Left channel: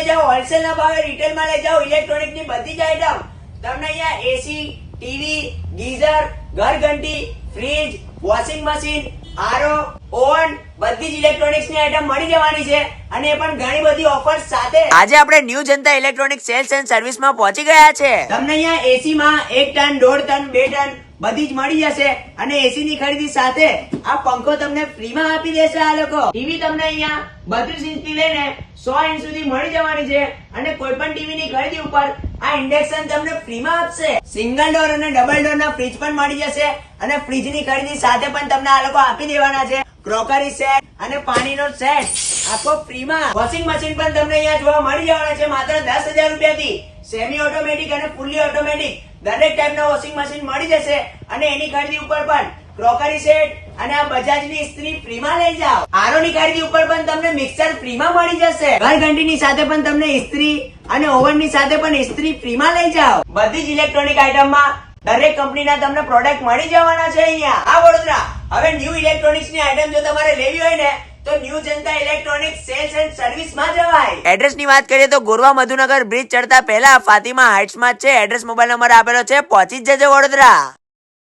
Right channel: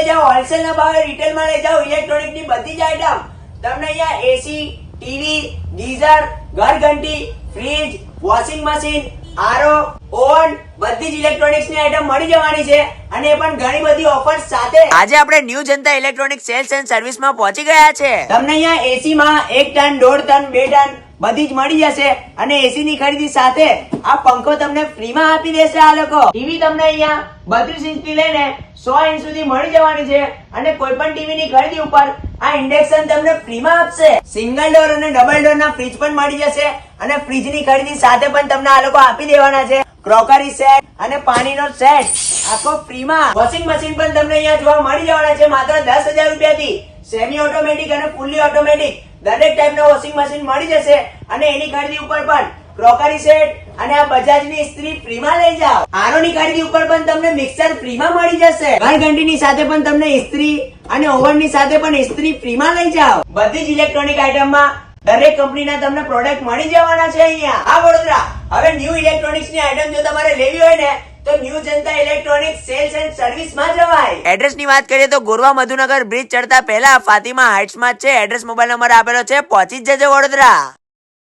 લઈ જાઓ, હોલસેલ ના ભાવે રિટેલ માં લઈ જાઓ. ઇલેક્ટ્રોનિક ની બધી જ આઈટમ તમને અહીંયા એસી, ટીવી, ગીઝર, ઘરઘંટી, fridge, washing machine, RO, oven બધી જ ઇલેક્ટ્રોનિક્સ ની આઈટમ મળી જવાની છે અને એ પણ ઘણી બધી ઓફર સાથે. આજે આપણે new Janata electronic cells and service માં પહોંચી ગયા છે. તમને અહીંયા એસી માં 1 ટન, 1.5 ટન, 2 ટન બધી જ મળી જશે અને એસી ની ખરીદી સાથે આ પંખો તમને ફ્રી માં આપી દેશે આ લોકો. ટીવી તમને અહીંયા 32 ઇંચ થી લઈને 100 ઇંચ સુધી મળી જવાની છે અને કોઈ પણ ટીવી ની ખરીદી ઉપર આ ઇન્ડક્શન તમને ફ્રી માં આપશે. સિંગલ ડોર અને ડબલ ડોર ના ફ્રીજ પણ મળી જશે અને ફ્રીજ ની ખરીદી સાથે પણ તમને આ લોકો આપી દેવાના છે. ક્રોકરી સેટ અને પાણીનો સેટ આખો ફ્રી માં. વોશિંગ મશીન પણ તમને અહીંયા જોવા મળી જવાના છે માત્ર 10,000 રૂપિયાથી. સેમી ઓટોમેટિક અને ફૂલી ઓટોમેટિક દરેક ટાઈપના વોશિંગ મશીન મળી જશે અને એની ખરીદી ઉપર પણ ક્રોકરી સેટ અને આ બજાજ ની ઇસ્ત્રી ફ્રી માં લઈ જાઓ. આરો ની ખરીદી ઉપર પણ તમને મિક્સર ફ્રી માં મળી જશે. ઘરઘંટી ની સાથે પણ તમને ઇસ્ત્રી અને ઓવન ની સાથે પણ ઇસ્ત્રી ફ્રી માં લઈ જાઓ. બધી જ ઇલેક્ટ્રોનિક આઈટમ માં દરેક કંપનીના તમને પ્રોડક્ટ મળી જવાના છે અહીંયા. આ વડોદરા હવે ન્યુ ઇલેક્ટ્રોનિક્સ ની આઈટમ જો તમારે લેવી હોય ને તો new Janata electronic cells and service માં જવાય. એડ્રેસ ની વાત કરીએ તો ગોરવા મધુનગર બ્રિજ ચડતા પહેલા ફાતિમા હાઇટ્સ માં છે. એડ્રેસ મોબાઈલ નંબર આપેલો છે. પહોંચી જ જજો વડોદરા.